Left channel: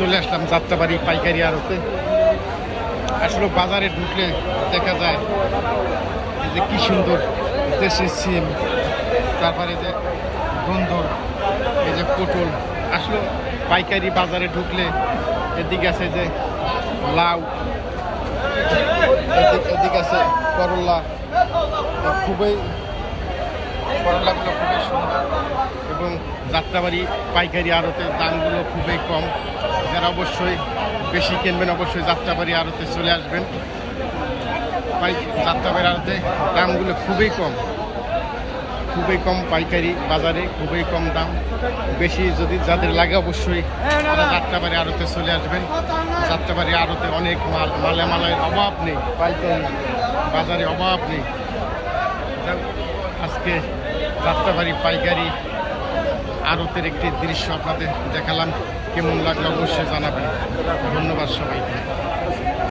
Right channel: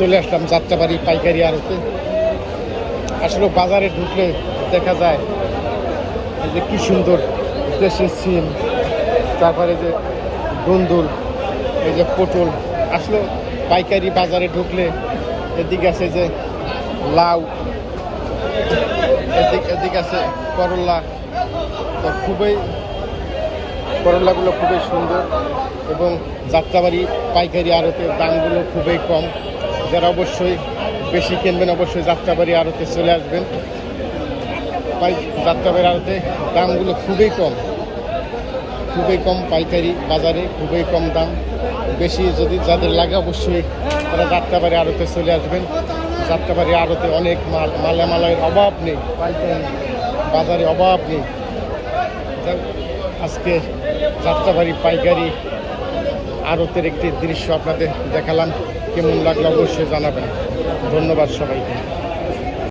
চলে আসলাম যাত্রাবাড়ি পাইকারি আড়তে। আসলে বাজারে ঢুকলে দেখা যায় যে কি সুন্দর দেশের সিম, তারপরে যে বন্ধুর এই যে পটল। আসলে পাইকারি বাজারে ঢুকলে এদিকে আছে যে লাউ, এদিক এদিকে আছে করলা। তো খুবই করলাগুলো খুবই সুন্দর এবং যাত্রাবাড়ি পাইকারি আড়তে দামগুলো খুবই কম। যারা অবশ্যই বেশি কিনবেন, অবশ্যই যাত্রাবাড়ি আড়তে চলে আসবেন। পাই যাত্রাবাড়ি আড়তে দামগুলো খুবই কম। খুবই কম পাইকারি বাজারে, খুবই কম দাম। বেশি যদি যাদের লাগে অবশ্যই তারা যাত্রাবাড়ি আড়তে চলে আসবেন। যাত্রাবাড়ি আড়তে অনেক মাল, মালে মালের অভাব নেই, পাইকারি বাজারে অভাব নেই। আজকে যাত্রাবাড়ি পাইকারি আড়তের একটি দৃশ্য আপনাদের দেখালাম কেমন লাগল অবশ্যই জানাবেন। ধন্যবাদ সবাইকে।